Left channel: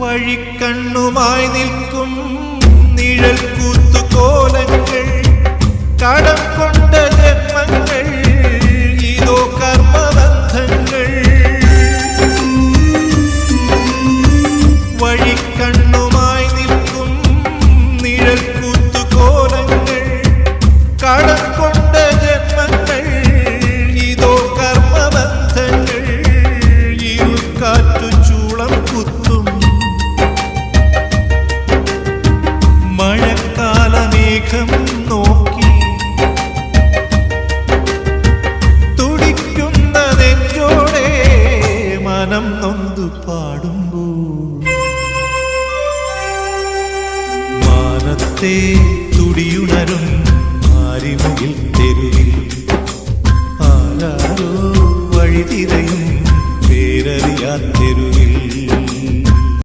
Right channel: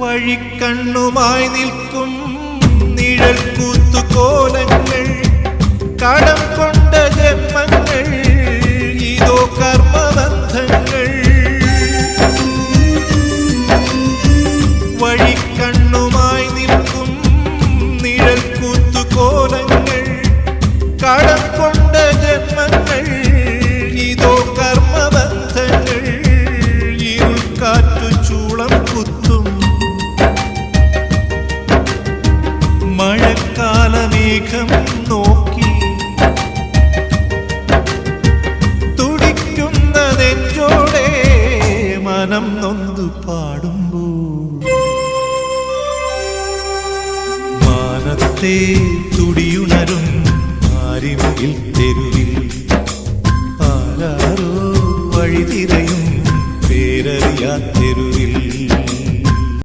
വഴിക്കണ്ണുമായി നിൽക്കും നിഴൽ കൂത്തുകോലങ്ങൾ, കടം കൊണ്ട ജന്മങ്ങൾ, ഇതോ കർമ്മബന്ധങ്ങൾ. വഴിക്കണ്ണുമായി നിൽക്കും നിഴൽ കൂത്തുകോലങ്ങൾ, കടം കൊണ്ട ജന്മങ്ങൾ, ഇതോ കർമ്മബന്ധങ്ങൾ. ഇരുൾക്കാറ്റു ചൂളം കുത്തും മഴക്കാലമേഘം നോക്കി, തുടിക്കുന്ന നെഞ്ചോടെ മനം നൊന്തു പാടുമ്പോൾ, മാനത്തെ തുടിയുണരും ആരിമുകിൽ തെരുവിൽ ആരാരോ വഴിതിരയും പേരറിയാത്തെരുവിൽ.